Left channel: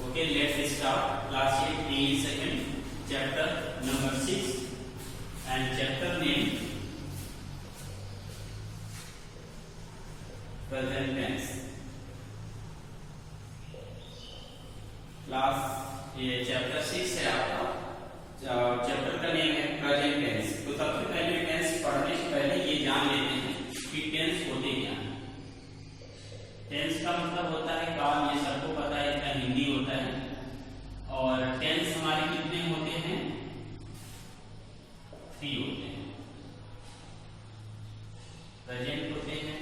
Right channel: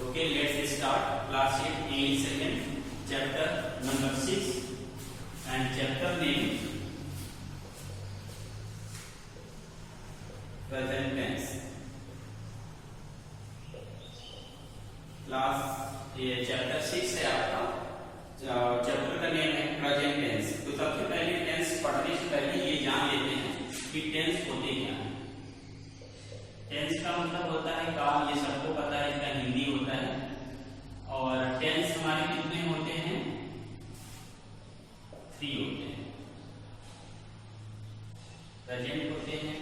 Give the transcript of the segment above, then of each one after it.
Okay, let's start class 8 English second chapter number 6 and chapter name present tense. Class ये chapter 6 है आपका, chapter का name है present tense. तो सबसे पहले टेंस पढ़ने से पहले ये जान लेते हैं कि टेंस होते क्या हैं। टेंस का मतलब होता है काल, ये सबको पता है, इसका हिंदी होता है। और टेंस हमारे कितने होते हैं? 3 होते हैं। प्रेजेंट होते हैं,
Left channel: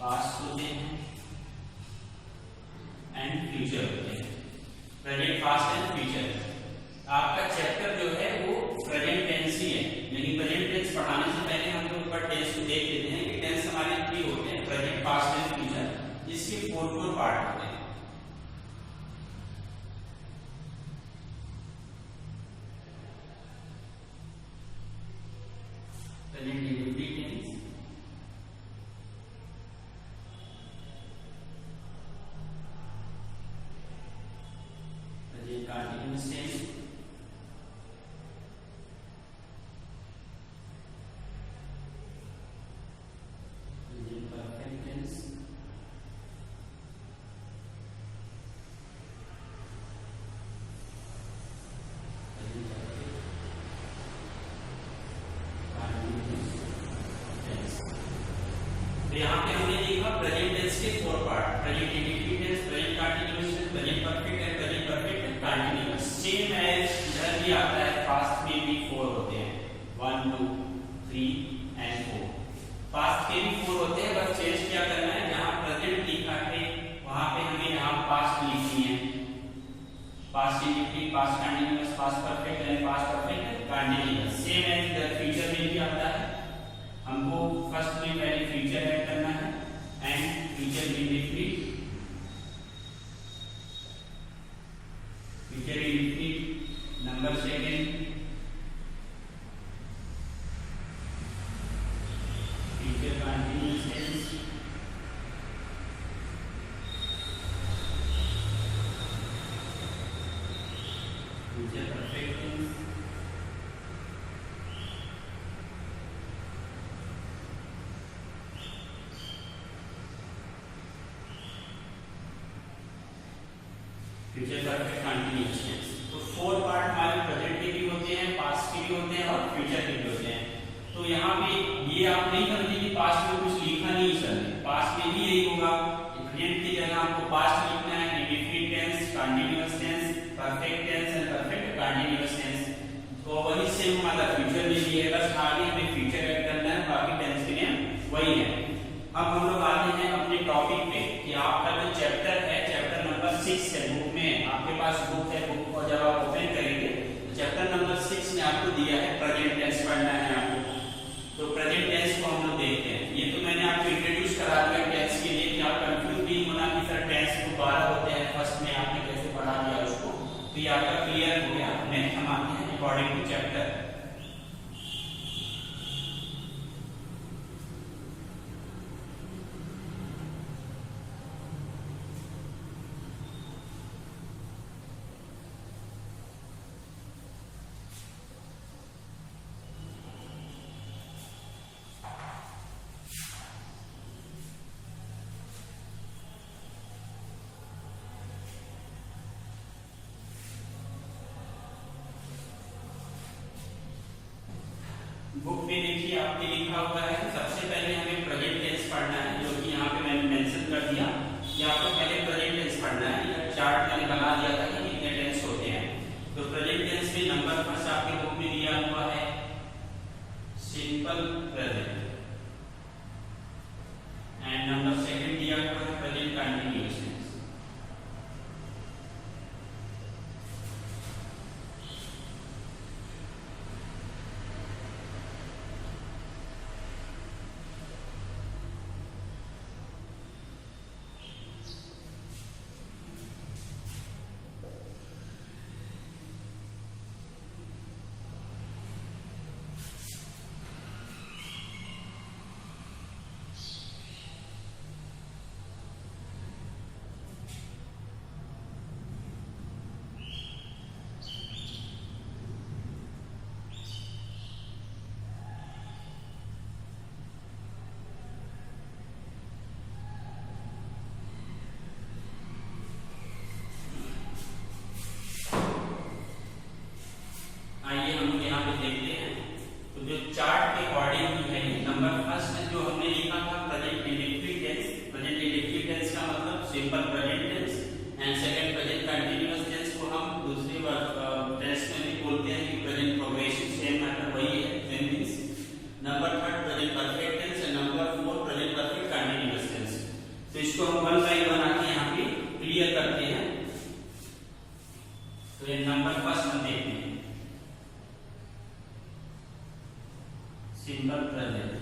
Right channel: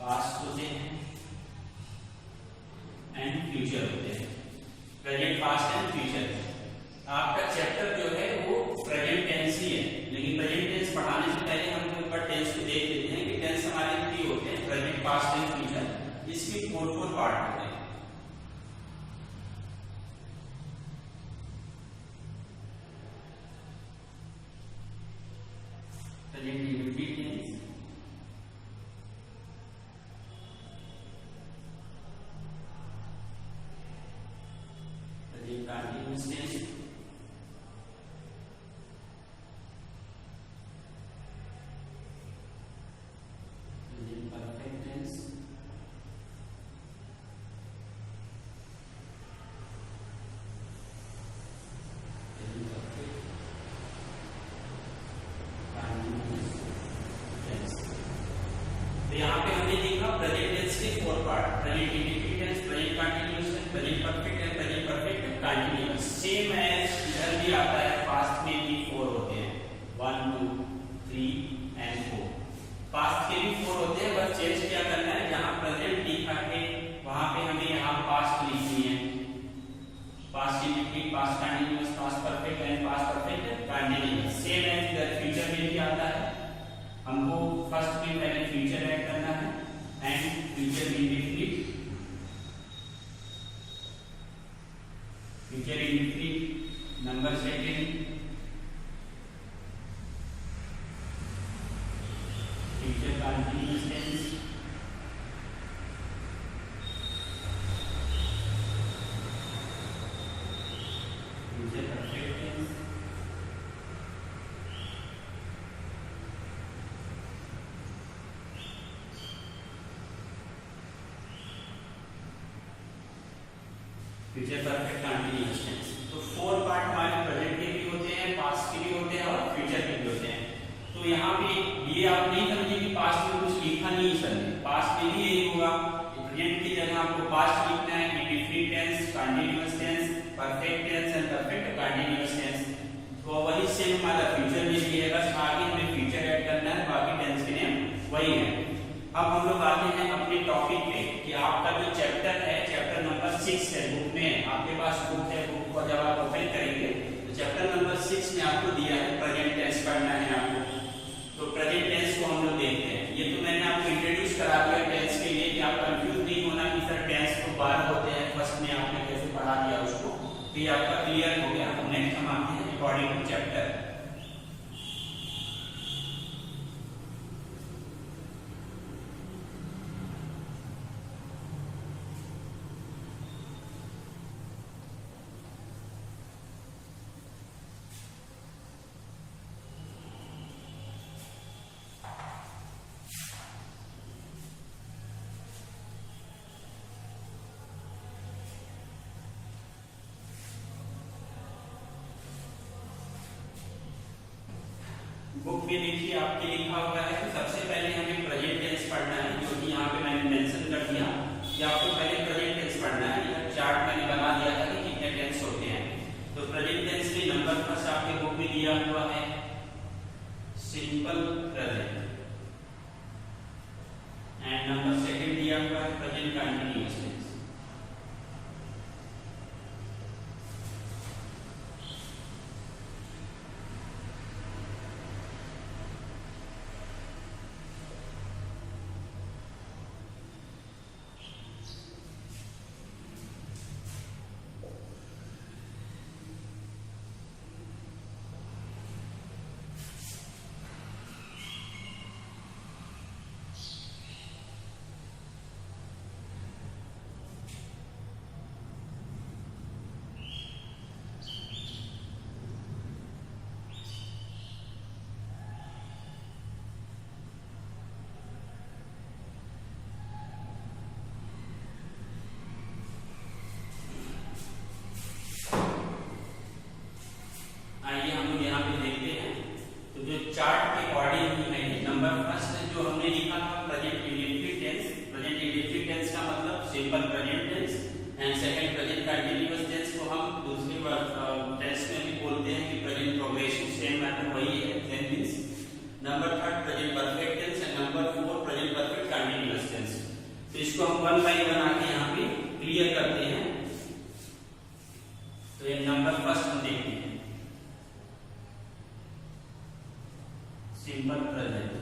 पास्ट होते हैं एंड फ्यूचर होते हैं। Present, past and future. आपका चैप्टर जो है वो प्रेजेंट टेंस ही है, लेकिन प्रेजेंट टेंस पढ़ाने से पहले हम लोग ऊपर टेंस को देख लेते हैं कि टेंस हमारे 3 होते हैं, प्रेजेंट, पास्ट एंड फ्यूचर। इसके 4 पार्ट होते हैं। Present indefinite tense, present continuous tense, present perfect tense, present perfect continuous tense. तो यहाँ पे हमने देखा प्रेजेंट टेंस के 4 part, present indefinite tense, present continuous tense, present perfect and present perfect continuous. Same as इधर भी आता है, पास्ट में भी 4 होते हैं, 1 2 3 एंड 4। पास्ट के भी 4 होते हैं, बस चेंज क्या करना है, जहाँ प्रेजेंट लिखा है वहां पे हमें यहाँ पास्ट लिखनी है। Past indefinite, past continuous, past perfect and past perfect continuous. Same as इधर फ्यूचर में भी आता है, हमको फर्स्ट में पहले फ्यूचर ऐड करना है and future indefinite, future indefinite number second, future continuous tense, future perfect tense, future perfect continuous tense. तो 4 पार्ट हमारे प्रेजेंट के भी होते हैं, पास्ट के भी होते हैं और फ्यूचर के भी होते हैं। तो यहाँ पे ये आप नहीं समझिए कि पास्ट में कुछ लिखा नहीं चल, पास्ट में भी यही होगा। प्रेजेंट की जगह आपको पास्ट लिखना है, indefinite tense, continuous tense, perfect tense and perfect continuous tense. तो वही सेम हमारा फ्यूचर में भी है, बस आगे हमें फ्यूचर ऐड करना है, बाकी टेंस के नेम वही है। अब हम लोग आते हैं अपने टॉपिक पे कि आपका जो चैप्टर है, चैप्टर नंबर 6 है। बुक में आपके पास बुक है, बुक को जब आप ओपन करेंगे तो चैप्टर नंबर 6 में आपको दिया है प्रेजेंट टेंस पढ़ना है आपको। तो प्रेजेंट टेंस को हम लोग देखते हैं। ये तो मैंने आपको इंट्रोड्यूस करा दिया टेंस के लिए कि आप कंफ्यूज नहीं होना कि सर टेंस को 12 होते हैं, फर्स्ट में आपने कैसे पढ़ा दिया उसको। तो ये आपका क्लियर हो गया। नेक्स्ट हम आते हैं अकॉर्डिंग टू चैप्टर। बुक में देखिए आपके लिखा हुआ है, सबसे पहले हमें प्रेजेंट टेंस पढ़ना है, जो कि यहाँ पे मैंने मेंशन कर दिया कि आपको पहले प्रेजेंट टेंस पढ़ना है। यह चार्ट मैंने बना दिया था कि कितने टेंस होते हैं। तो प्रेजेंट टेंस के नंबर फर्स्ट आपके बुक में दिया हुआ है simple present and number second दिया हुआ है present continuous tense. Simple present tense and second present continuous tense को हम दूसरी टेंस में भी बोलते हैं कि प्रेजेंट प्रोग्रेसिव सेम मैटर वही है same means. Number third present perfect tense and number four present perfect continuous tense. तो इसको हम वन बाय वन आके यहाँ पे क्लियर करते हैं। तो ये नंबर फर्स्ट हम देखते हैं सिंपल प्रेजेंट।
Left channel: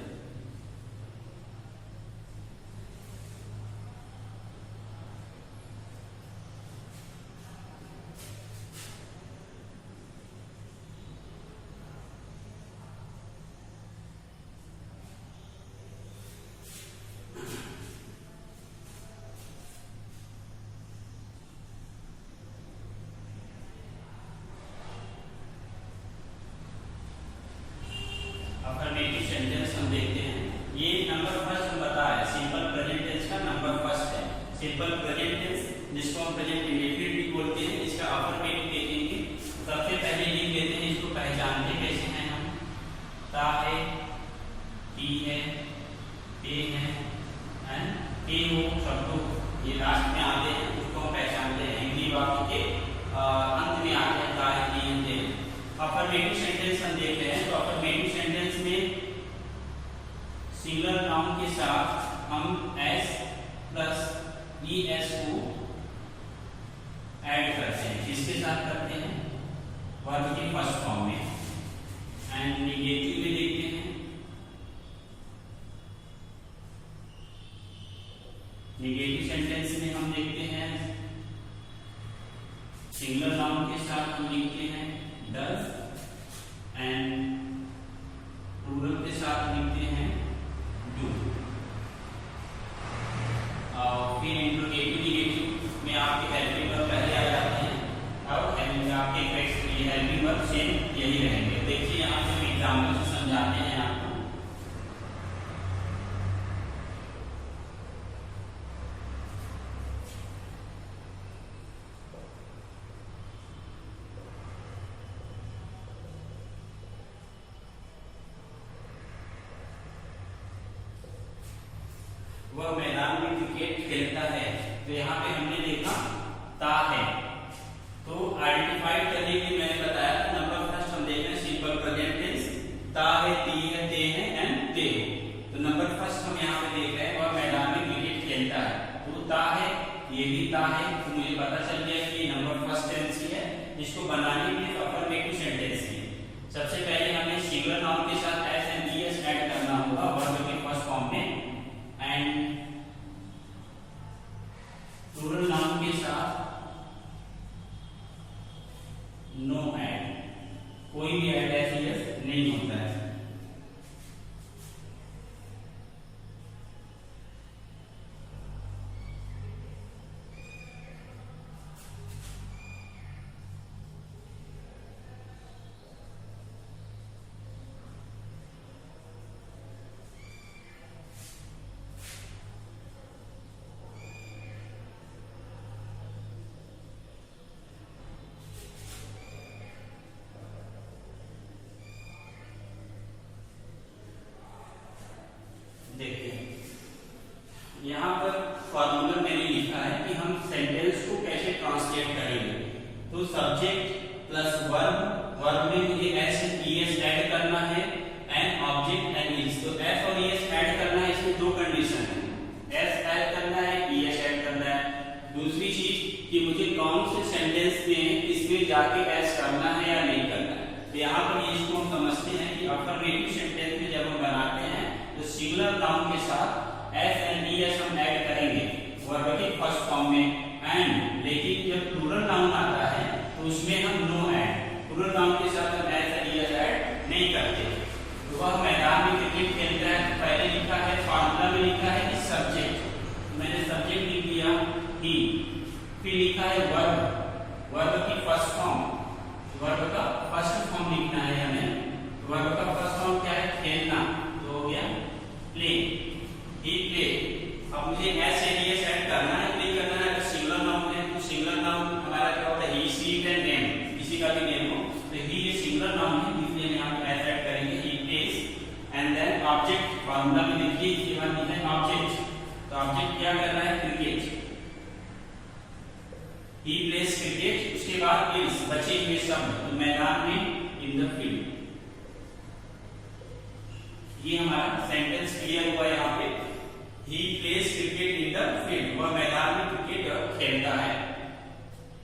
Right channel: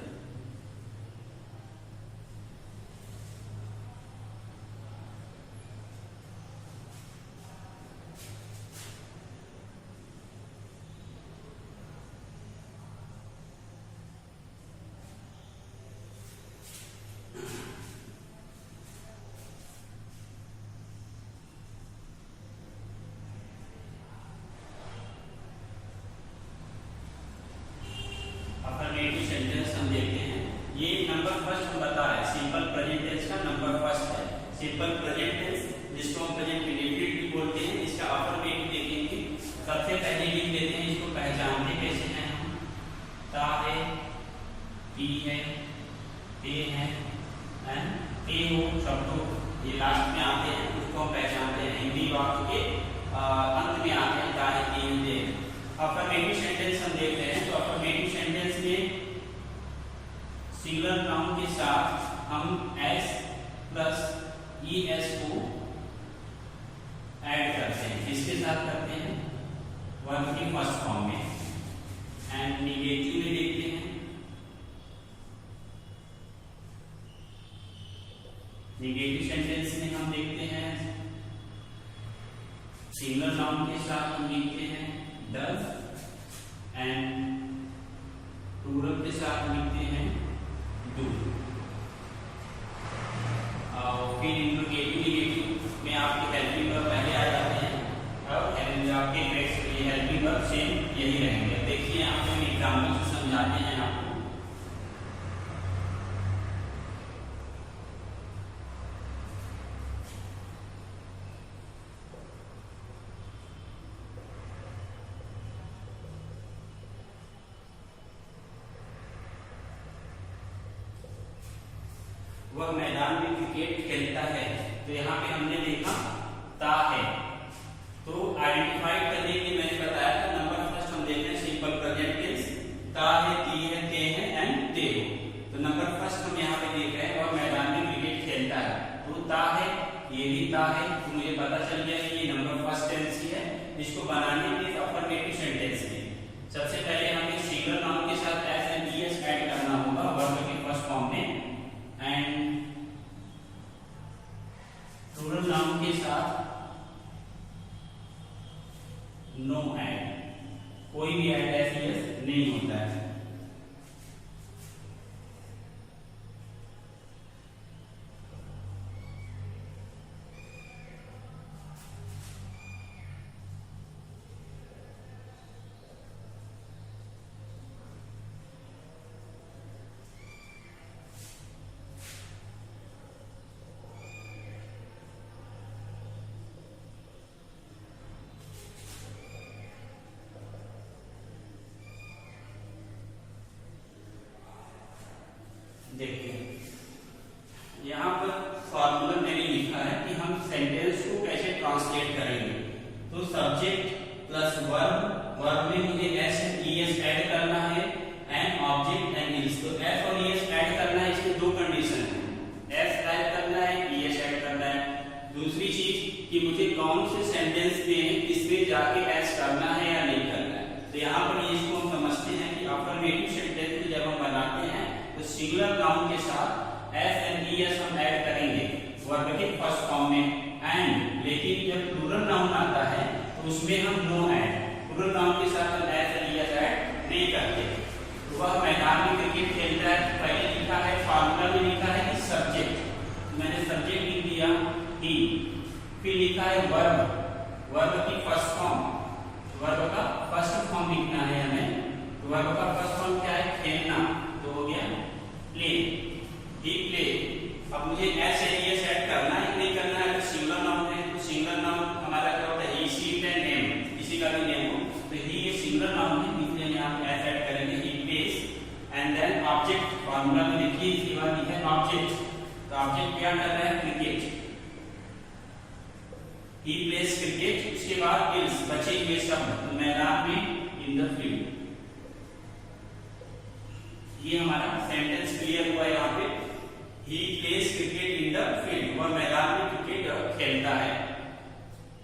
अफर्मेटिव सेंटेंस हम देखते हैं। ये नंबर फर्स्ट हम बता रहे हैं सिंपल प्रेजेंट टेंस का नंबर फर्स्ट है सिंपल प्रेजेंट टेंस, जिसको हम प्रेजेंट इंडेफिनिट भी बोलते हैं। इसका अफर्मेटिव देखेंगे। सबसे पहले लिख लेते हैं, इसको पहचानते कैसे हैं हम। ता है, टी है, ते है एंड ते हो शब्दों ये लास्ट में आते हैं, उसको हम पहचानते हैं। हिंदी वाक्य के अंत में आते हैं ता है, ती है, ते। अफर्मेटिव सेंटेंस हम देख रहे हैं। तो अफर्मेटिव सेंटेंस में सिंगुलर नाउन के साथ हम एस प्लस ईएस को ऐड करते हैं। किसके साथ करते हैं? वर्ब के फर्स्ट फॉर्म में। एंड नेगेटिव में देखते हैं। नेगेटिव सेंटेंस में हम देखते हैं सिंगुलर नाउन के साथ हम लिखते हैं डज एंड प्लूरल के साथ लिखते हैं डू। और फिर इंट्रोगेटिव नेगेटिव में आपके हेल्पिंग वर्ब पहले आ जाते हैं और आपके हेल्पिंग वर्ब सेम यही रहेंगे। देखिए यहाँ पे एग्जाम्पल से समझाते हैं आपको। वह मैदान में क्रिकेट खेलता है। तो यहाँ पे हमने देखा ता है, तो आइडेंटिफाई करने के लिए मैंने बताया था नंबर फर्स्ट हम देख रहे हैं सिंपल प्रेजेंट टेंस। ता है, ती है, ते है एंड ते हो। तो नंबर फर्स्ट हम यहाँ पे देख रहे हैं और मैदान में क्रिकेट खेलता है। तो ता है, ये भी ता है, तो मुझे पता चल गया कि ये नंबर फर्स्ट टेंस ही है। इसको बनाने के लिए अफर्मेटिव सेंटेंस है। सबसे पहले हमें सिंगुलर नाउन के साथ एस एंड ईएस ऐड करना होगा वर्ब के फर्स्ट फॉर्म में एंड प्लूरल नाउन के साथ नो ऐड, कोई भी ऐड ऐसे नहीं होता है। देखिए यहाँ पर फॉर्मूला मैंने लिखा है कि हम सेंटेंस को कैसे ट्रांसलेट करेंगे। तो सब्जेक्ट प्लस वर्ब, वर्ब में मुझे एस एंड ईएस ऐड करना है एंड ऑब्जेक्ट एंड इज। तो एस और ईएस ऐड करना है, इसमें दो कंडीशन है, एस ऐड करना है, ईएस ऐड करना है। दूसरी चीज कि मुझे कौन से सेंटेंस में इसमें जाके एस करना है या नहीं करना है। तो यहाँ पर इसको हम समझते हैं कि अफर्मेटिव सेंटेंस में जब हम बनाते हैं तो सिंगुलर नाउन के साथ एस एंड ईएस हम ऐड करेंगे वर्ब के फर्स्ट फॉर्म में एंड, लेकिन जब प्लूरल नाउन आता है तो उसमें हम नो ऐड, प्लूरल नाउन के साथ हम एस एंड ईएस ऐड नहीं करते। तो वह मैदान में क्रिकेट खेलता है। पहले लिखा है फॉर्मूला में लिखा है कि सब्जेक्ट, मैंने सब्जेक्ट लिख दिया ही, फिर लिखा है वर्ब, वर्ब की फर्स्ट फॉर्म, वर्ब का फर्स्ट फॉर्म लिखना है हमें। वर्ब का फर्स्ट फॉर्म क्या है? खेलना, तो हो गया प्ले, ही प्ले। अब मुझे एस एंड ईएस ऐड करना है नहीं करना है? तो सिंगुलर नाउन है तो सिंगुलर नाउन हमारा क्या होता है? ही, सी एंड नेम, किसी का भी नेम हो तो ही ये सिंगुलर नाउन है, इसलिए यहाँ पे एस ऐड करेंगे, he plays. And then object, formula में देखिए इसके बाद लिखा है ऑब्जेक्ट। तो ऑब्जेक्ट क्या कर रहा है? क्रिकेट। ही प्लेस क्रिकेट, उसके बाद इज बचे हुए शब्द, तो मैदान में, इन द फील्ड। ये हमारा सेंटेंस क्लियर हुआ यहाँ पे। He plays cricket in the field, वह मैदान में क्रिकेट खेलता है।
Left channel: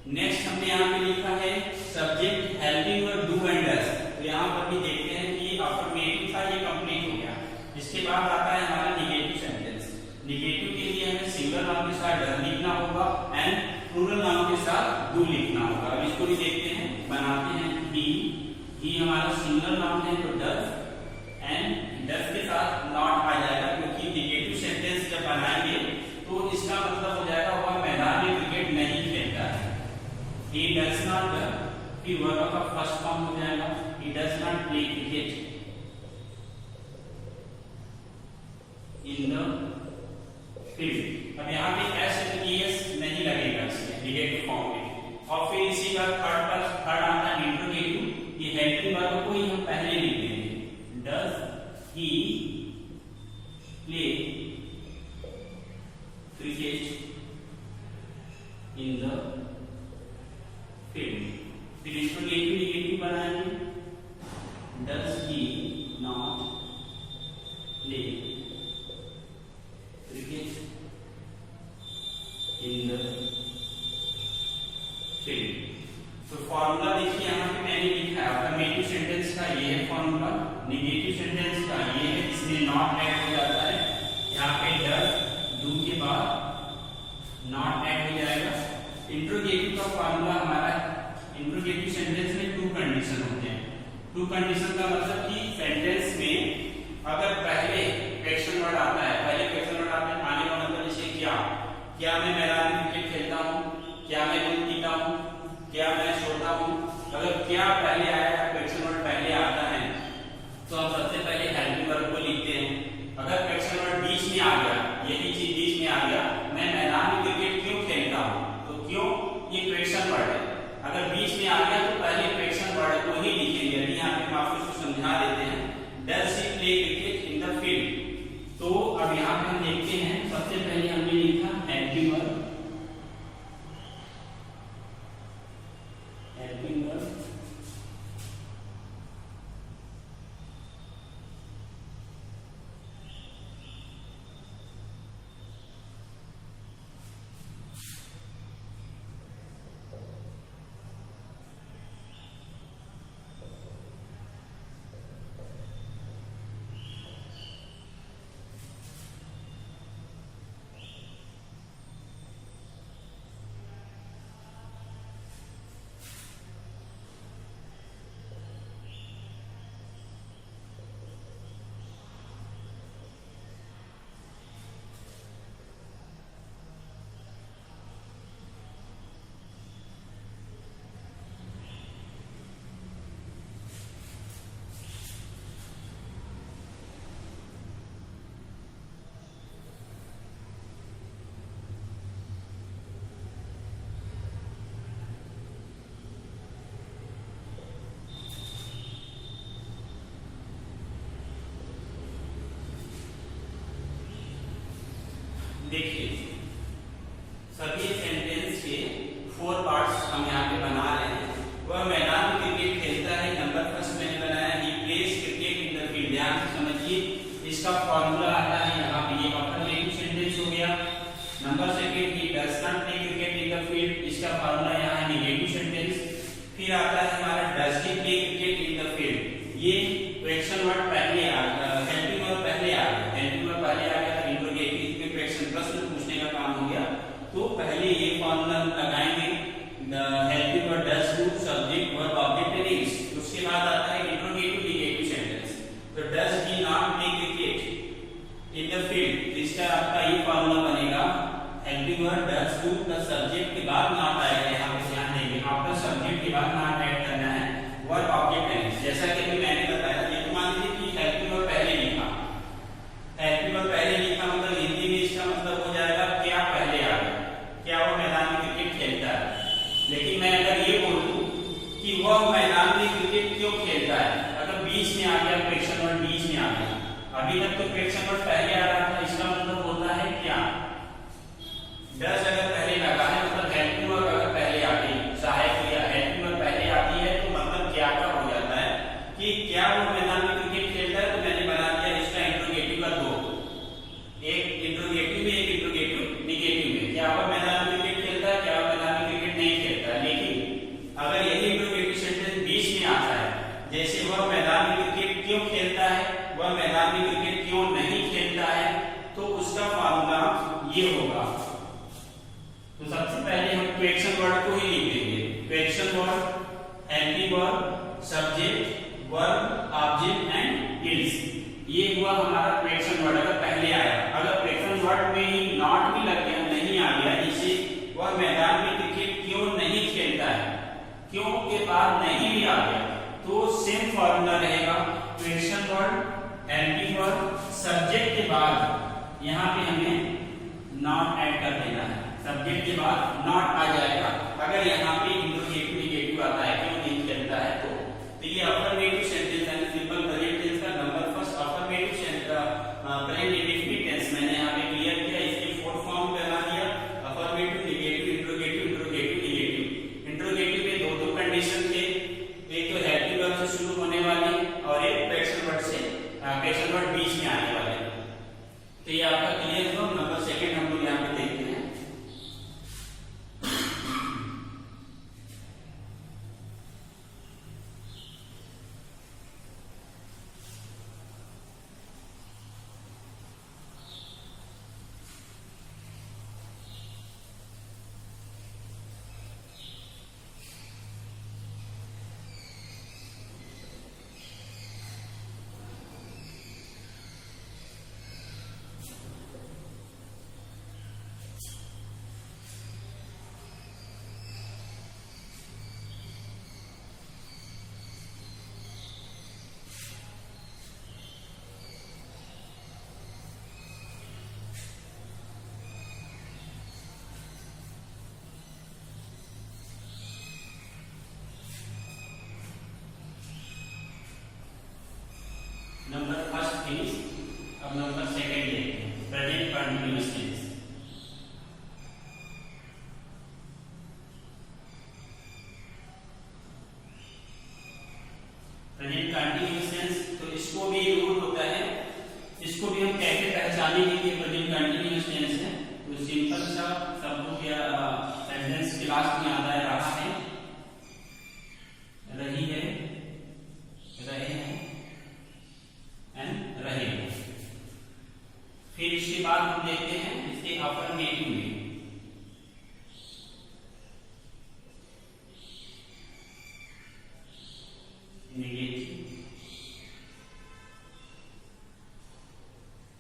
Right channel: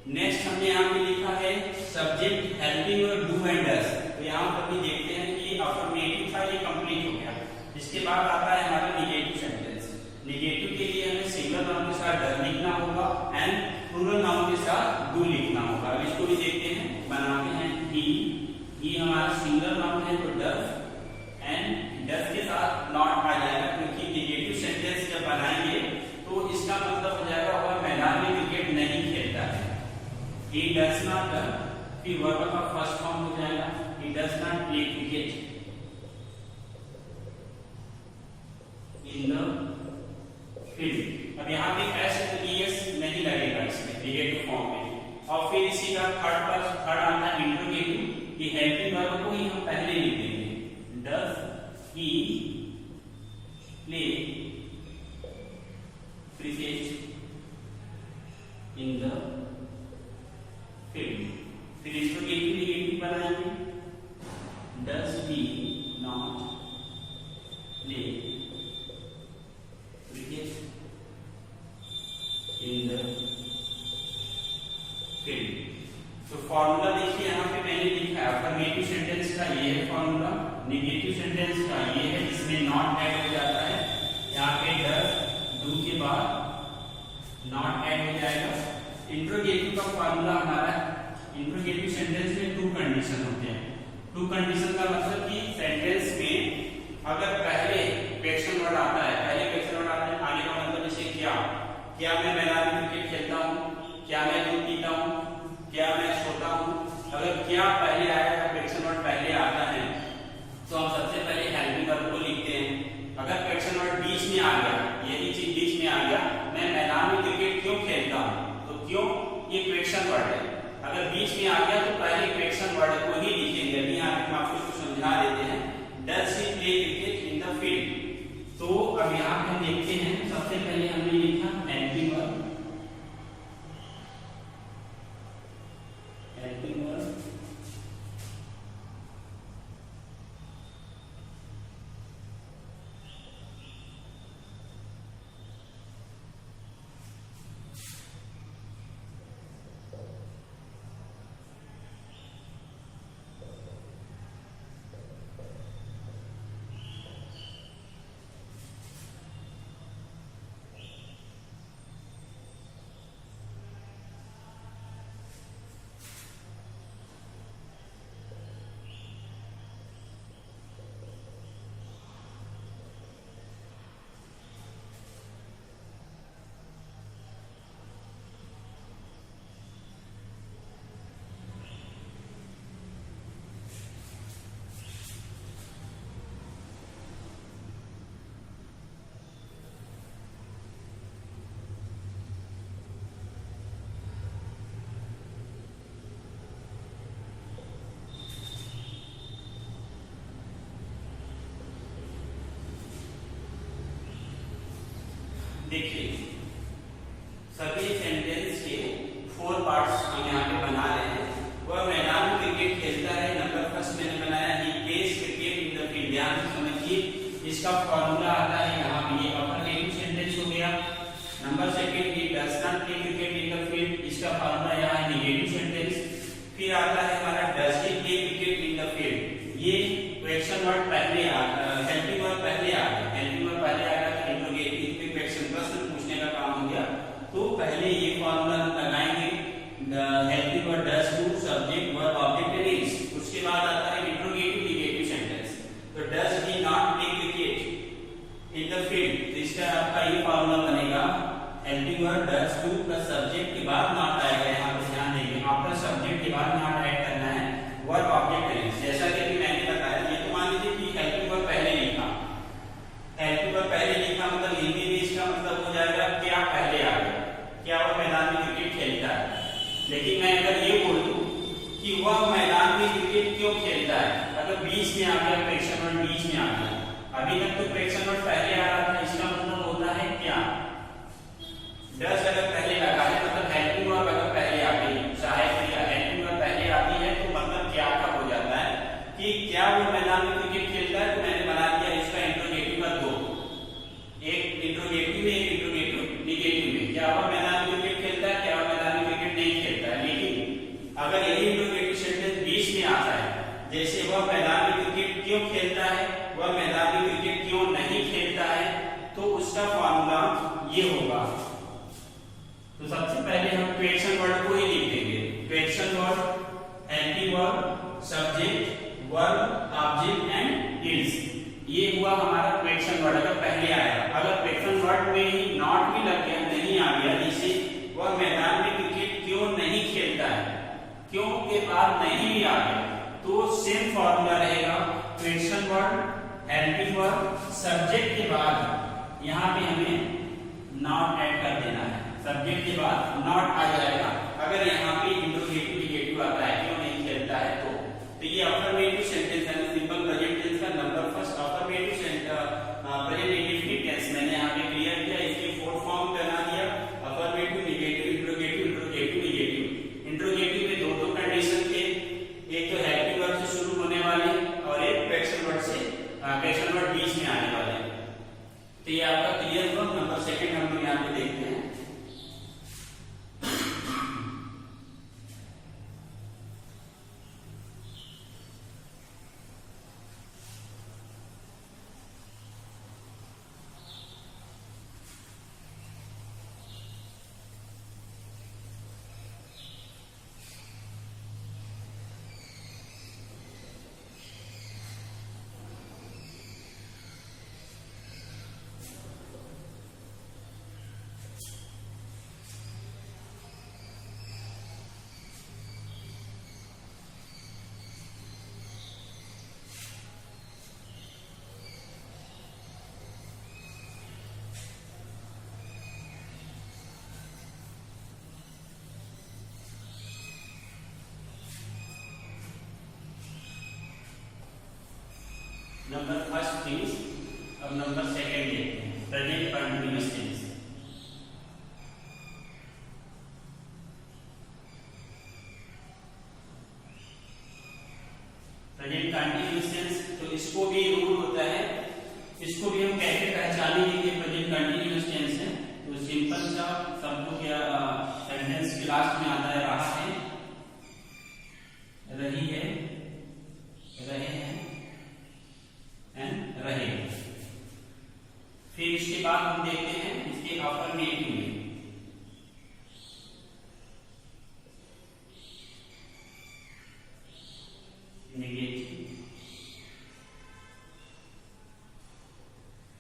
नेक्स्ट हमने यहाँ पे लिखा है सब्जेक्ट हेल्पिंग और डू एंड डज। तो यहाँ पर भी देखते हैं कि अफर्मेटिव था, ये कंप्लीट हो गया। इसके बाद आता है हमारा निगेटिव सेंटेंस। निगेटिव के लिए हमें सिंगल नाउन के साथ डज लिखना होगा एंड प्लूरल नाउन के साथ डू लिखना होगा। अब इसको भी देखते हैं, बनाते हैं। ही हमारा सिंगल नाउन है तो डज एंड डज के साथ नॉट आ जाएगा, क्योंकि निगेटिव सेंटेंस जब बनाएंगे तो इसका मतलब हो जाएगा वह मैदान में क्रिकेट नहीं खेलता है। He does not, फिर वर्ब का फर्स्ट फॉर्म हो जाएगा he does not play cricket in the field। अब यहाँ पे s नहीं लगेगा इसमें निगेटिव फॉर्म में। और फिर इसी का थर्ड आता है इंट्रोगेटिव। ये हेल्पिंग वर्ब को ही हम पहले लिख देंगे। Does he play cricket in the field? फिर इंट्रोगेटिव निगेटिव बनाएंगे। Does he not play cricket in the field? तो फॉर्मूला देखिए यहाँ पे मैंने लिखा है अफर्मेटिव सेंटेंस का ये है फॉर्मूला, निगेटिव सेंटेंस का ये है, इसमें नॉट ऐड हो जाता है। यहाँ पे डज डू के बाद नॉट ऐड हो जाएगा। इंट्रोगेटिव का फॉर्मूला हमारा, इंट्रोगेटिव सेंटेंस में टू कंडीशन होते हैं। टू कंडीशन का मतलब कि सेंटेंस में अगर पहले क्वेश्चन वर्ड आता है, पहले क्वेश्चन वर्ड आने का मतलब जैसे क्या मैं मैदान में क्रिकेट खेलता हूँ, क्या मैं दूध पीता हूँ, क्या मैं सोता हूँ। अगर क्या पहले आया, क्वेश्चन वर्ड पहले आता है तो हम सबसे पहले हेल्पिंग वर्ब को लिखते हैं। अगर क्वेश्चन वर्ड बीच में आ गया, यही चीज बीच में आ गया, मैं मैदान में क्रिकेट क्यों खेलता हूँ, तो क्यों ये क्वेश्चन वर्ड है। अगर बीच में आ गया तो पहले क्वेश्चन वर्ड को ही लिखेंगे। अभी यहाँ पे हम आपको समझा देते हैं। Does he play cricket in the field? तो अब यहाँ पे हम देखते हैं, सबसे पहले हमने लिखा हेल्पिंग वर्ब। हेल्पिंग वर्ब देखिए, सभी सेंटेंस के 4 पार्ट्स हम यहाँ पे बना रहे हैं। वह मैदान में क्रिकेट खेलता है, नंबर फर्स्ट मैंने बनाया he plays cricket in the field. ध्यान से समझिए, इसका फॉर्मूला आता है यहाँ पे, ये अफर्मेटिव सेंटेंस हो गया। Number second, he does not play cricket in the field, इसका फॉर्मूला यहाँ नेगेटिव सेंटेंस। फिर आता है हमारा does he play cricket in the field, ये क्वेश्चन वर्ड पहले आ गया, हेल्पिंग वर्ब पहले आ गया, हेल्पिंग वर्ब पहले आ गया तो इंट्रोगेटिव पे क्वेश्चन प्रश्न पूछने का काम हो गया। तो पहले ये फॉर्मूला लगाएंगे, the helping verb does to subject verb object and is. उसके बाद आता है इंट्रोगेटिव निगेटिव सेंटेंस। तो does he not play cricket in the field, इसका आपका ये फॉर्मूला बनेगा helping verb does to plus subject के बाद नॉट आएगा। यहाँ पे ध्यान देंगे, आफ्टर सब्जेक्ट के बाद नॉट ऐड करना है वर्ब ऑब्जेक्ट एंड इज। जैसा कि मैंने बताया, ये तो मान लीजिए कि हेल्पिंग वर्ब पहले लिखा, हेल्पिंग वर्ब पहले लिखा मतलब हिंदी में इसका मतलब हो जाएगा क्या पहले आ गया, क्या वो मैदान में क्रिकेट खेलता है। लेकिन मैं अगर ये बोल दूं कि वह मैदान में क्रिकेट क्यों खेलता है, अगर बीच में आ गया क्वेश्चन वर्ड, बीच में आ गया, अभी तक तो क्वेश्चन वर्ड पहले आ रहा था, इसका मतलब होता है क्या। डज अगर पहले लगा है मतलब हेल्पिंग वर्ब अगर पहले क्वेश्चन वर्ड को ही लिख देंगे। Question word, helping verb, subject, verb, object and is, ये हुआ हमारा क्वेश्चन वर्ड अगर पहले आया। अगर क्वेश्चन वर्ड में ही नॉट भी लग गया, नहीं आ गया, जिसे वह मैदान में क्रिकेट क्यों नहीं खेलता है, क्यों के बाद नहीं भी आ गया, तो सेम फॉर्मूला रहेगा। Question word, helping verb, subject के बाद यहाँ पे हमें नॉट ऐड कर देना है। सब्जेक्ट के बाद नॉट आ जाएगा। अगर यहाँ पे इंट्रोगेटिव नेगेटिव आता है, क्यों नहीं खेलता है, तो ये अफर्मेटिव सेंटेंस है। सिंपल प्रेजेंट टेंस का number first affirmative present indefinite tense मैंने यहाँ पे क्लियर किया। इसके फोर फॉर्म बना दिया, affirmative, negative, interrogative, interrogative, negative. Interrogative में दो कंडीशन थे, एक तो हेल्पिंग वर्ब से शुरू होने वाले और एक क्वेश्चन वर्ड से, क्वेश्चन वर्ड बीच में आने वाले। तो ये आपका क्लियर हो। नंबर सेकंड हम लोग यहाँ पे देखते हैं। नंबर फर्स्ट टेंस, अब नंबर सेकंड देखते हैं, present continuous tense. Present continuous tense, तो इसको भी रूल होता है, इसको भी हम कैसे पहचानेंगे कि प्रेजेंट कंटीन्यूअस टेंस है। तो सिंपल सा शब्दों के सेंटेंस के लास्ट में आता है रहा है, रही है, रहे हैं, रहे। फिर इसके बाद हम देखते हैं इसके अफर्मेटिव में, नेगेटिव,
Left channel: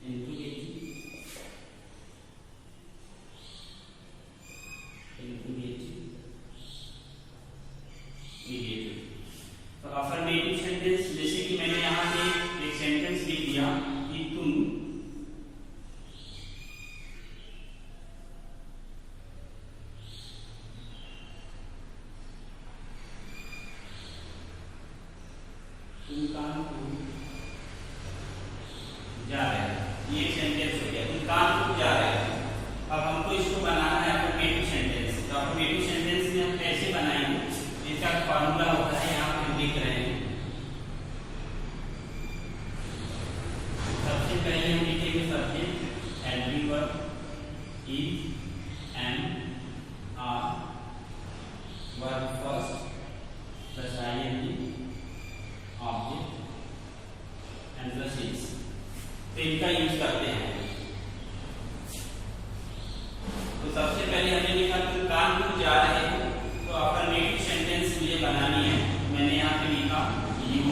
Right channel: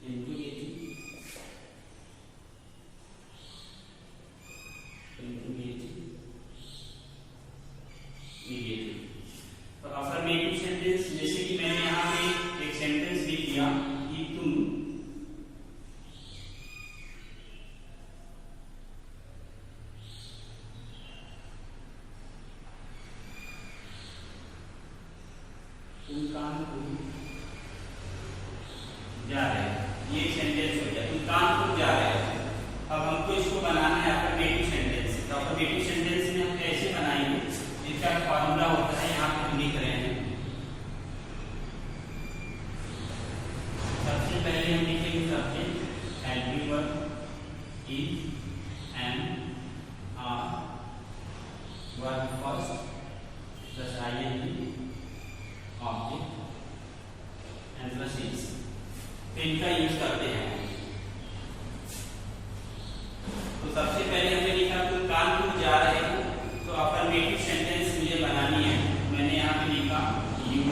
इंट्रोगेटिव, इंट्रोगेटिव, नेगेटिव। तो अफर्मेटिव सेंटेंस, जैसे कि मैंने यहाँ पे एक सेंटेंस लिख दिया कि तुम कानपुर जा रहे हैं, ये सेंटेंस हो गया, तुम कानपुर जा रहे हैं। अब हमको इसको बनाना है अफर्मेटिव सेंटेंस। तो अफर्मेटिव सेंटेंस में हम कैसे बनाएंगे, इसका फॉर्मूला होता है, यहाँ पे लिख रहे हैं। सबसे पहले हम लिखेंगे subject, helping verb, is, am, are, verb first plus ING, object and plus is. तो इनका यूज करते हैं। तो सबसे पहले हमने लिखा तुम कानपुर जा रहे हो, तो अफर्मेटिव सेंटेंस मुझे बनानी है। मैंने यहाँ पे लिखा यू।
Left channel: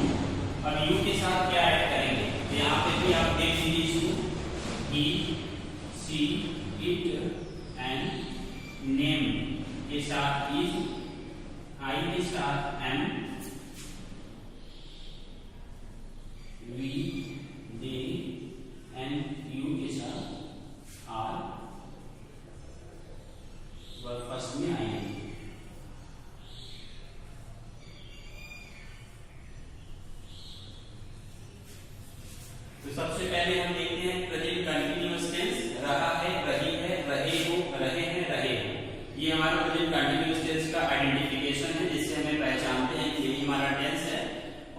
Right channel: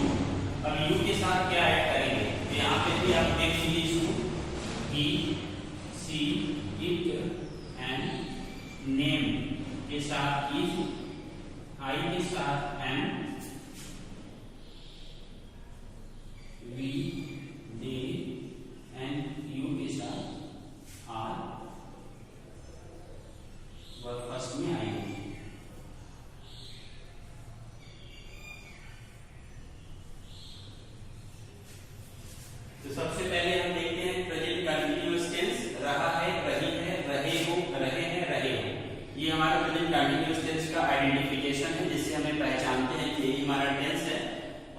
अब यू के साथ क्या ऐड करेंगे, यहाँ पे भी आप देख लीजिए इसको, he, she, it and name के साथ इज, आई के साथ am, we, they and you के साथ आर, वर्ब फर्स्ट में आएंगे। तो सबसे पहले हम देखते हैं प्रेजेंट कंटीन्यूअस टेंस, रहा है, रही है, रहे हो, रहे हैं, रहे हो। ये हमारा प्रेजेंट कंटीन्यूअस टेंस का आइडेंटिफिकेशन है, जिससे हमें पहचानते हैं कि ये हमारा टेंस है।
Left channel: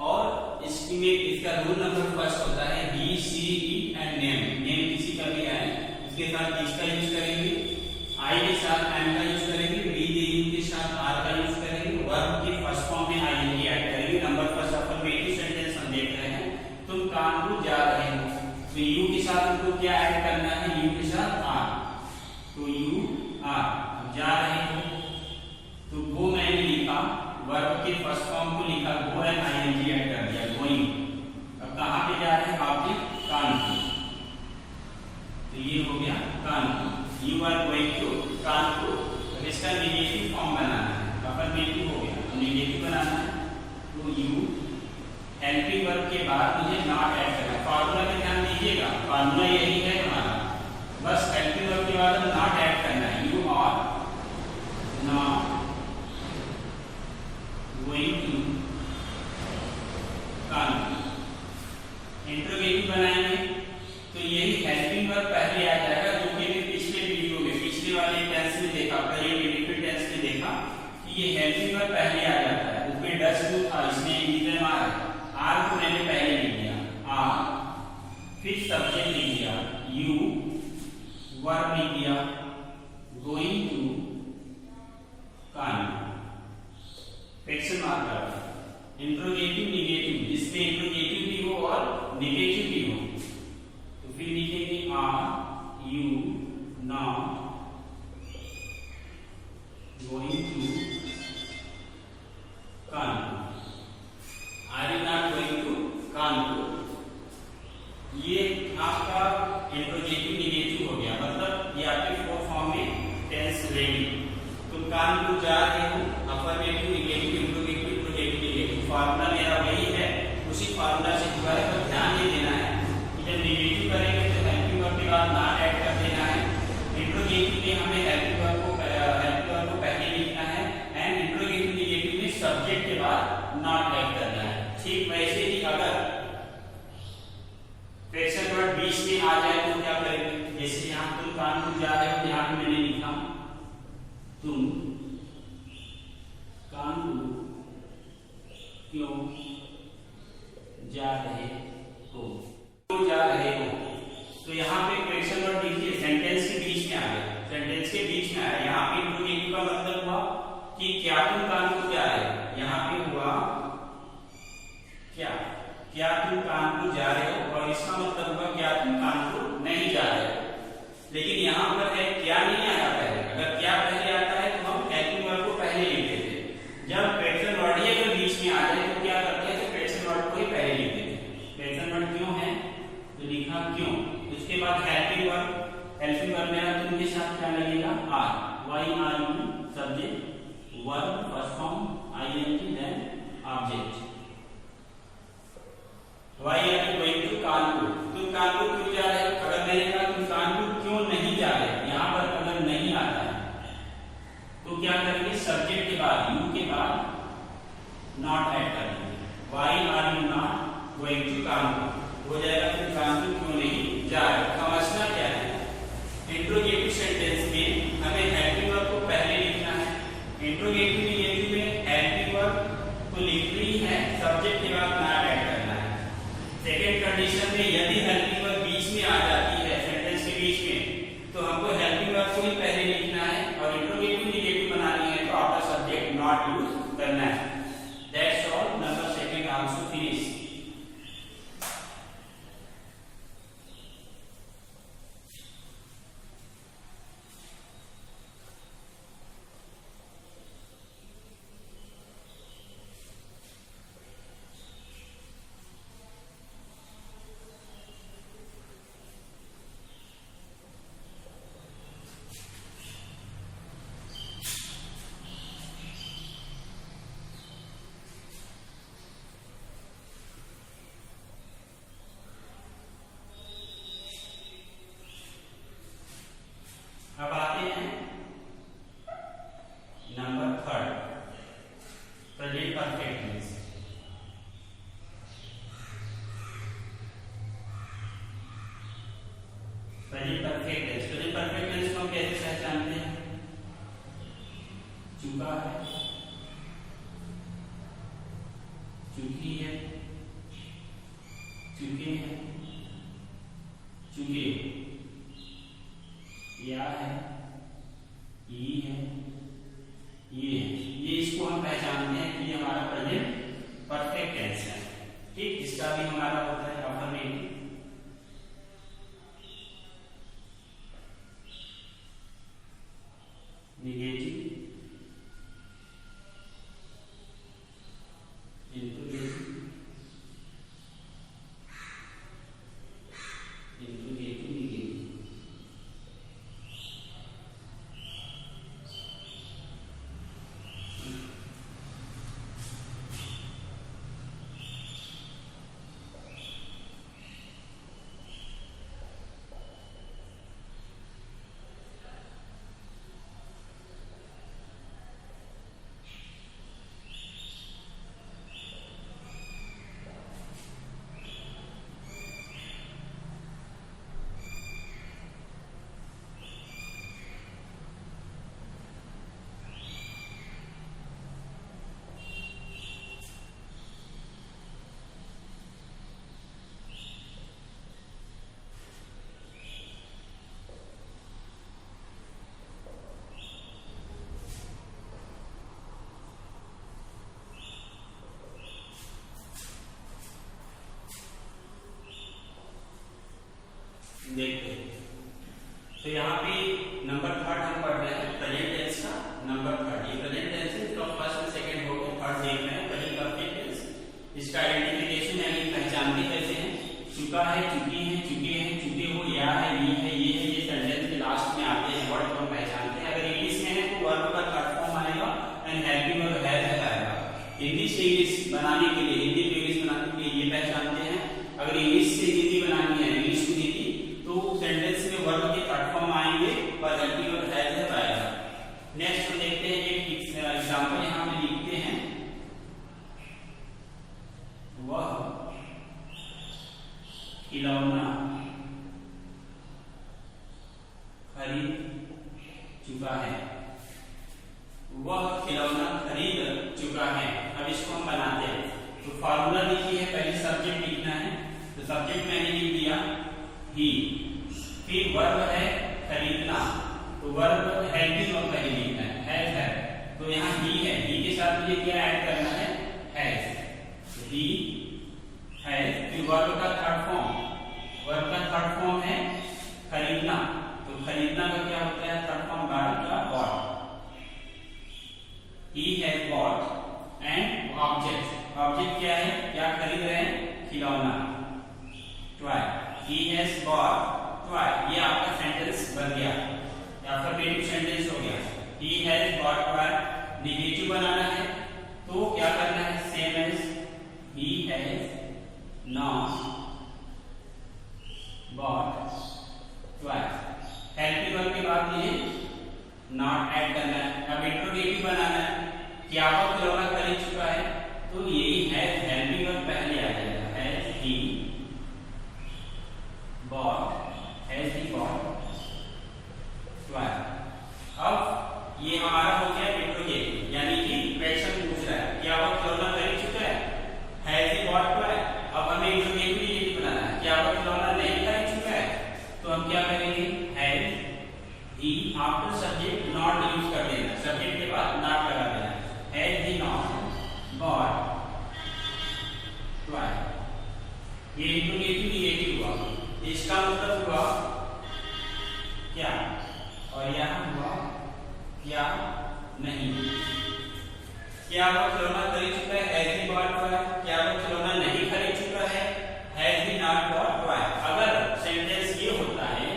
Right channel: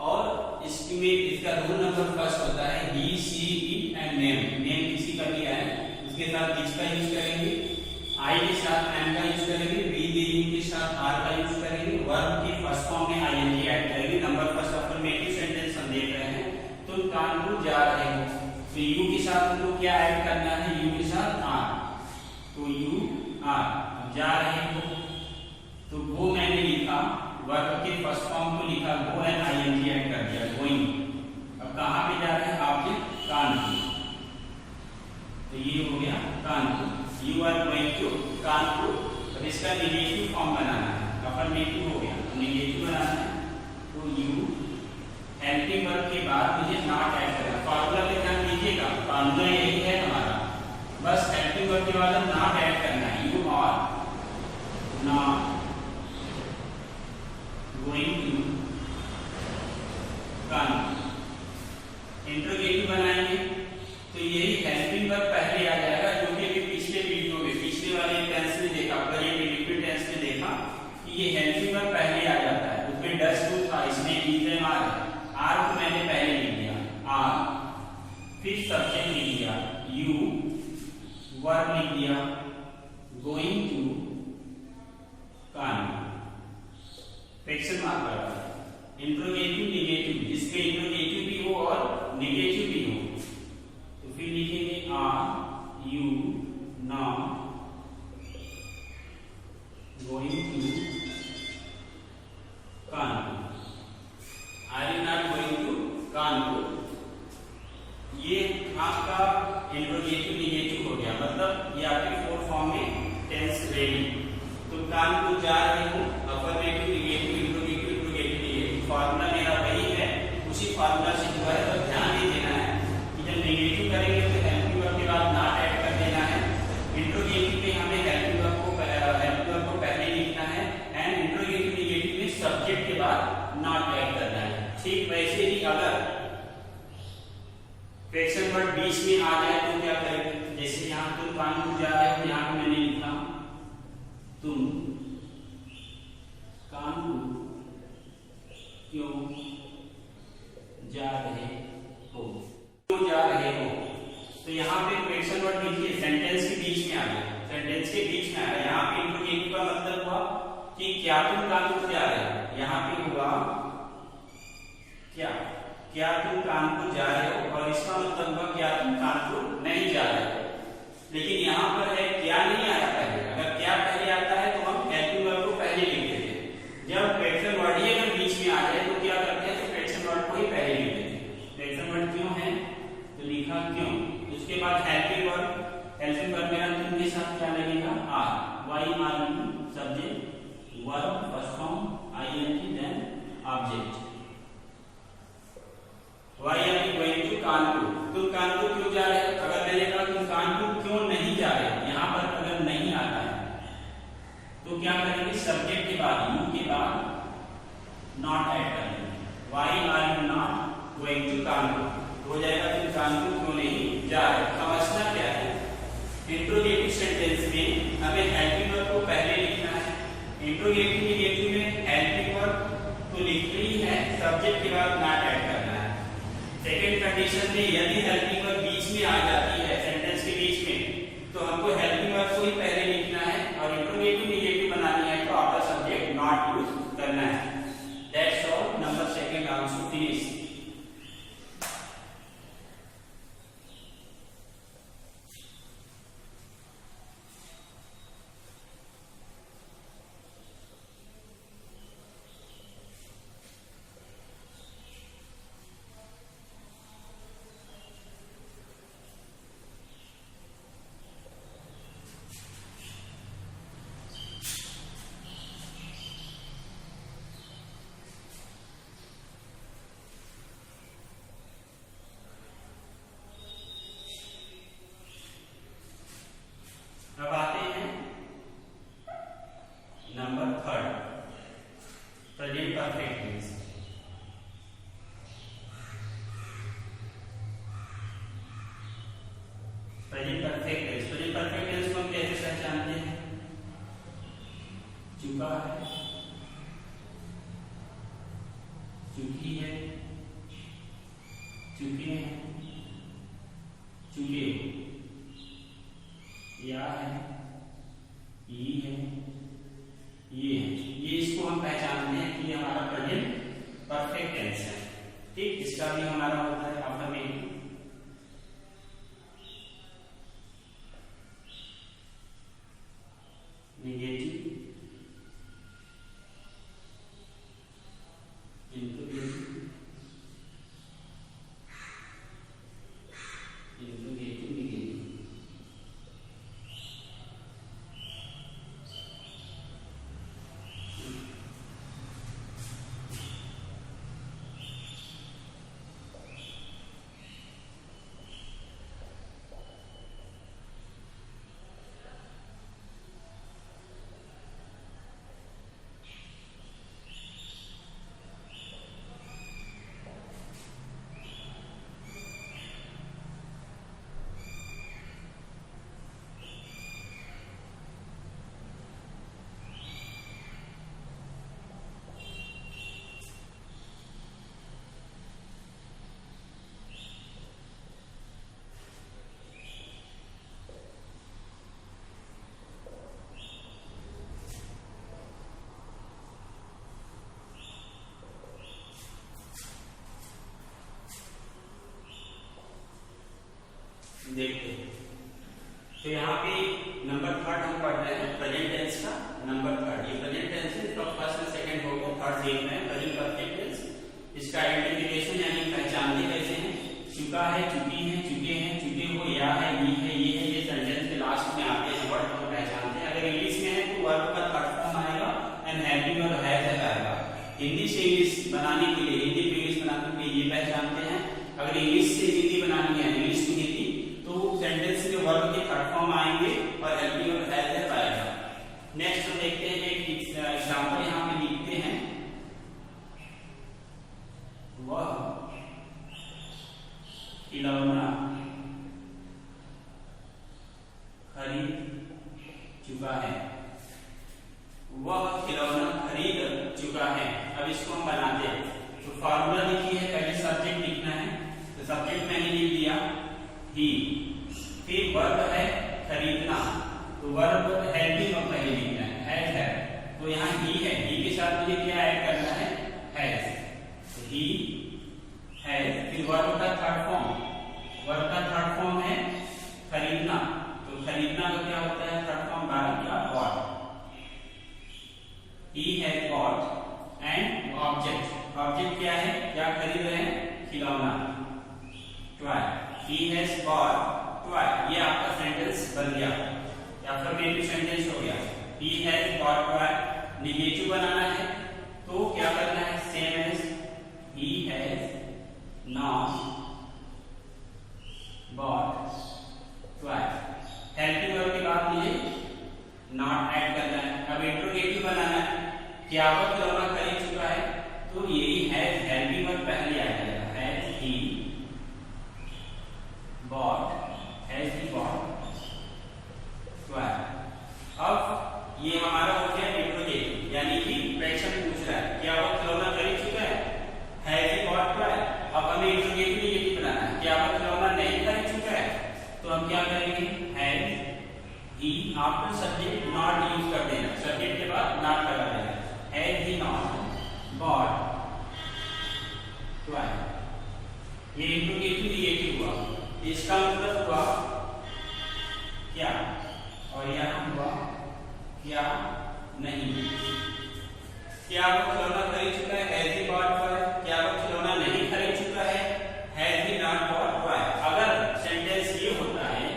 और इसमें इसका रूल नंबर फर्स्ट होता है ही, she, it and name. Name किसी का भी आए उसके साथ इज का यूज करेंगे, आई के साथ एम का यूज करेंगे, वी, दे, यू के साथ आर का यूज करेंगे, वर्ब के फर्स्ट फॉर्म में आईएनजी ऐड करेंगे। नंबर फर्स्ट अफर्मेटिव सेंटेंस हम देख रहे हैं, तुम कानपुर जा रहे हो, तो यू के साथ हमको क्या ऐड करना है, यू के साथ आर, तो यू आर। जा रहे हो, तो यू हेल्पिंग वर्ब के बाद मुझे नॉट ऐड करना। फार्मूला पे ध्यान दीजिएगा, फार्मूला यही है हमारा, बस हेल्पिंग वर्ब के बाद नॉट ऐड करना है। You are not going to come. Interrogative बनाएंगे तो यही हेल्पिंग वर्ब पहले आ जाएगा, जो कि अभी पिछले वीडियो में, पिछले वाले टेंस में देखा, प्रेजेंट टेंस में देखा कि ये हेल्पिंग वर्ब पहले आ जाता है। उसमें डस टू था, इसमें इज आर को मैंने पहले लिख दिया, आर, फिर सब्जेक्ट लिख दिया यू, वर्ब लिख दिया गोइंग टू कान, क्वेश्चन मार्क लगा। इंट्रोगेटिव निगेटिव, इसमें इंट्रोगेटिव भी हो और निगेटिव भी हो, तो फिर लिखेंगे are you not going to Kanpur. Are you not going to Kanpur. ये आपका इंट्रोगेटिव निगेटिव हो गया, मतलब ये आपके फोर फॉर्म में टेंस रेडी। तुम कानपुर जा रहे हो, affirmative negative interrogative interrogative negative, formula मेरा वही है, उसी फार्मूला से हुआ है। तो ध्यान ये देना है कि जब निगेटिव करेंगे तो हेल्पिंग वर्ब के बाद नॉट ऐड कर देना है। इंट्रोगेटिव में हमें हेल्पिंग वर्ब को पहले लिखना है, एंड इंट्रोगेटिव निगेटिव में सब्जेक्ट के बाद नॉट ऐड करना है। ठीक वैसे ही अगर क्वेश्चन वर्ड बीच में आ जाए तो क्या करेंगे, जैसे यहाँ तुम कानपुर जा रहे हो, यहाँ मैंने लिखा तुम कानपुर क्यों जा रहे हो, क्यों जा रहे हो। तो यहाँ पे क्वेश्चन वर्ड लिखिए, सेंटेंस के बीच में आ गया, सेंटेंस के बीच में आया। यहाँ पे इंट्रोगेटिव का मतलब हुआ कि क्या तुम कानपुर जा रहे हो, यहाँ पे हुआ क्या तुम कानपुर जा रहे हो, और इसका मतलब हुआ क्या तुम कानपुर नहीं जा रहे हो। लेकिन यहाँ पर है क्या नहीं आया पहले, अगर क्या पहले आता है तो हम हेल्पिंग वर्ब को पहले लिख देते। जब क्वेश्चन वर्ड ही अगर बीच में आ जाए तो क्या करते हैं, तो क्वेश्चन वर्ड को ही पहले लिख देते। क्वेश्चन वर्ड क्यों है तो लिखा क्यों, उसके बाद हेल्पिंग वर्ब मेरा तुम के साथ क्या लगेगा, are, why are you subject, verb first form ING then object. Why are you going to Kanpur, तुम कानपुर क्यों जा रहे हो। अगर मैंने कहा तुम कानपुर क्यों नहीं जा रहे, यहाँ पर अगर नहीं आता है तो क्या करेंगे, सब्जेक्ट के बाद यू के बाद नॉट ऐड कर देंगे। Why are you not going to Kanpur हो जाएगा तुम कानपुर क्यों नहीं जा रहे। समझना क्या है, इंट्रोगेटिव सेंटेंस में हमें हेल्पिंग वर्ब को पहले लिखना है। इंट्रोगेटिव निगेटिव में हेल्पिंग वर्ब तो लिखनी ही है, सब्जेक्ट के बाद नॉट ऐड करना है। सेकेंड कंडीशन में यदि हेल्पिंग वर्ब बीच में आ जाती है, सेंटेंस के बीच में, तो हमको हेल्पिंग वर्ब को ही पहले लिखना है, और इंट्रोगेटिव निगेटिव बनानी है तो आफ्टर सब्जेक्ट नॉट यूज करना है। That's all, number second answer finish. अब आते हैं number third, present perfect tense. Present perfect tense, present perfect tense को हम कैसे पहचानते हैं, चुका है, चुकी है, चुके हैं, चुके, या है, ये है, ये है, ये इसको हम पहचानते हैं कि हमारा प्रेजेंट परफेक्ट टेंस है। ठीक, इसका भी हमारा होता है अफर्मेटिव, निगेटिव, देखते हैं। तो यहाँ पे नंबर थर्ड हम पढ़ रहे हैं प्रेजेंट टेंस का नंबर थर्ड। ये प्रेजेंट टेंस है तो फर्स्ट और सेकंड हो गया, थर्ड देख रहे हैं प्रेजेंट परफेक्ट टेंस। इसका आइडेंटिफिकेशन यानी पहचानते कैसे हैं, चुका है, चुकी है, चुके हैं, चुके हो, या है, ये है, ये सेंटेंस के लास्ट में आते हैं वर्ड को पहचानते हैं। अगर इंग्लिश में है तो वर्ब का थर्ड फॉर्म आएगा एंड हेल्पिंग और हैज है पहला। हिंदी से इंग्लिश बनाने के लिए, हिंदी से इंग्लिश बनाने के लिए ये पहचानते हैं। अगर इंग्लिश से हिंदी बनानी है, इंग्लिश टू हिंदी, तो सेंटेंस में वर्ब के थर्ड फॉर्म आएंगे और हेल्पिंग और हैज है पहला। नेक्स्ट देखते हैं, एक एग्जांपल यहाँ पे लिखते हैं, वह खिलौना खरीद चुका है। वह खिलौना खरीद चुका है। अब इसको हम बनाते हैं तो फार्मूला लिखिए, पहले सब्जेक्ट लिखना है तो सब्जेक्ट मैंने लिख दिया ही, फिर वर्ब है खरीदना तो वर्ब हेल्पिंग और पहले लिखना है, तो यहाँ ही है, ही के साथ मुझे क्या ऐड करना है, हैज। ही हैज, फिर वर्ब का थर्ड फॉर्म, वर्ब का थर्ड फॉर्म है खरीदना, तो खरीदना का क्या होता है थर्ड फॉर्म, वर्ब का bought. He has bought and object, object क्या है, क्या खरीद रहे हैं, खिलौना, toy. He has bought toy, ये आपका सेंटेंस बन गया, अफर्मेटिव सेंटेंस हो गया। He has bought toy, negative बनाना है तो क्या करना है, same as he has not bought toy। Helping verb के बाद ये नॉट ऐड करना है। अब इंट्रोगेटिव बनाना है, क्या वो खिलौना खरीद चुका है, तो यही हैज, हेल्पिंग वर्ब पहले आ जाएगा, has he bought, has he bought toy. अब ये हमारा हो गया इंट्रोगेटिव, यानी कि क्वेश्चन पूछ रहा है क्या वो खिलौना खरीद चुका है, हैज ही बॉट टॉय। अब हमें इंट्रोगेटिव ये बनाना है, क्या वो खिलौना नहीं खरीद चुका है, तो हम क्या करेंगे, has he after subject not use कर देना, सब्जेक्ट के बाद नॉट लगा देना, has he not bought toy. ये इंट्रोगेटिव नेगेटिव हुआ, इसका मतलब हुआ क्या, और यहाँ हुआ क्या नहीं। क्या वो खिलौना खरीद चुका है, हैज ही बॉट टॉय। क्या वो खिलौना नहीं खरीद चुका है, has he not bought toy. अगर सेंटेंस ये होता है,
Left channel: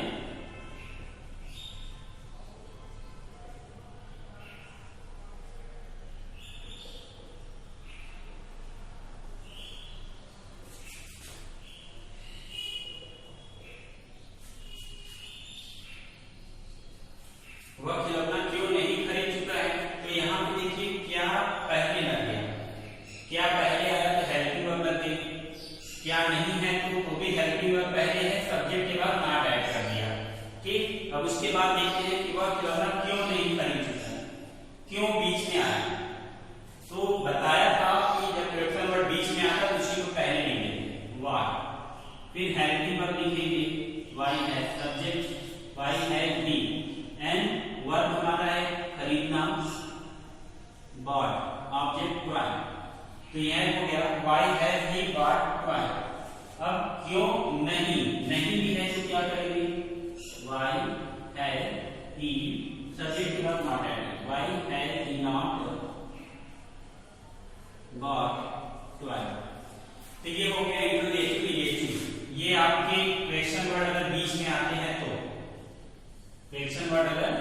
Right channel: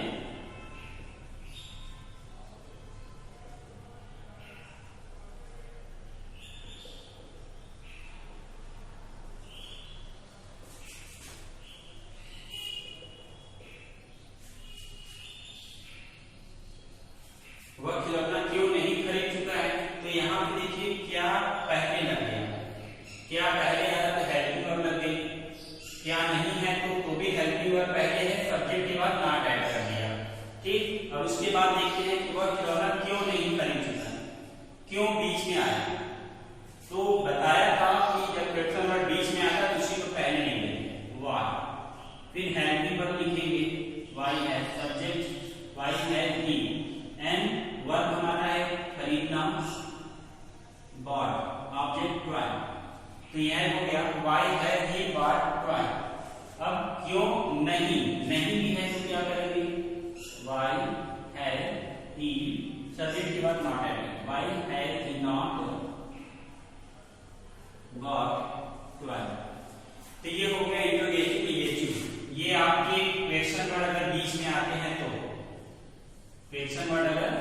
वह खिलौना क्यों नहीं खरीद चुका है, तो यहाँ पे देखिए क्या पहले लग गया, क्या पहले आया तो हेल्पिंग वर्ब लग गई, क्या नहीं है तो भी हेल्पिंग वर्ब पहले है, सब्जेक्ट के बाद नॉट ऐड कर दिया, ठीक। अब उसके बाद देखते हैं कि वह खिलौना क्यों नहीं खरीद चुका है, क्यों बीच में आया, तो बताया था कि जब क्वेश्चन वर्ड बीच में आता है तो उसी को पहले नहीं लेंगे, वाई, फिर हेल्पिंग वर्ब लिखेंगे, वाई है सब्जेक्ट, वाई है ही, एंड वर्ब हमारा है खरीदना, बॉट ऑब्जेक्ट टॉय। तो यह हो गया why has he bought toy. अब क्यों नहीं, नहीं भी है तो क्या करेंगे, व्हाई हैज ही, सब्जेक्ट के बाद not add, why has he not bought toy. तो ये हो गया इंट्रोगेटिव नेगेटिव। ये आपके क्वेश्चन वर्ड अगर बीच में आते हैं तो, क्वेश्चन वर्ड अगर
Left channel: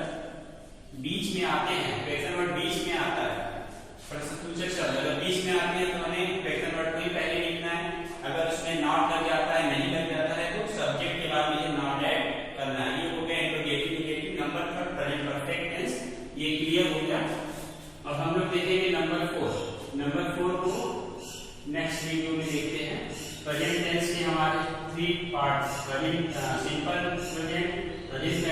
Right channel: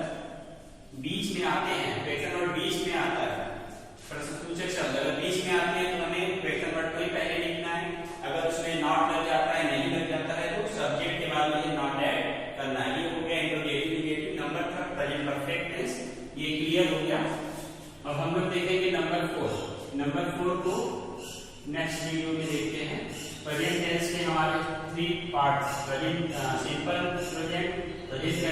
बीच में आते हैं, क्वेश्चन वर्ड बीच में आता है, प्रश्नसूचक शब्द अगर बीच में आते हैं तो हमें क्वेश्चन वर्ड को ही पहले लिखना है। अगर उसमें नॉट लग जाता है, नहीं लग जाता है, तो सब्जेक्ट के बाद ये नॉट ऐड करना है। ये हो गया interrogative negative number third present perfect tense, ये क्लियर हो गया। अब हम लोग देखेंगे नंबर 4। नंबर 4 को नेक्स्ट वीडियो में देखते हैं। प्रेजेंट टेंस के हमारे 3 parts, present simple present, present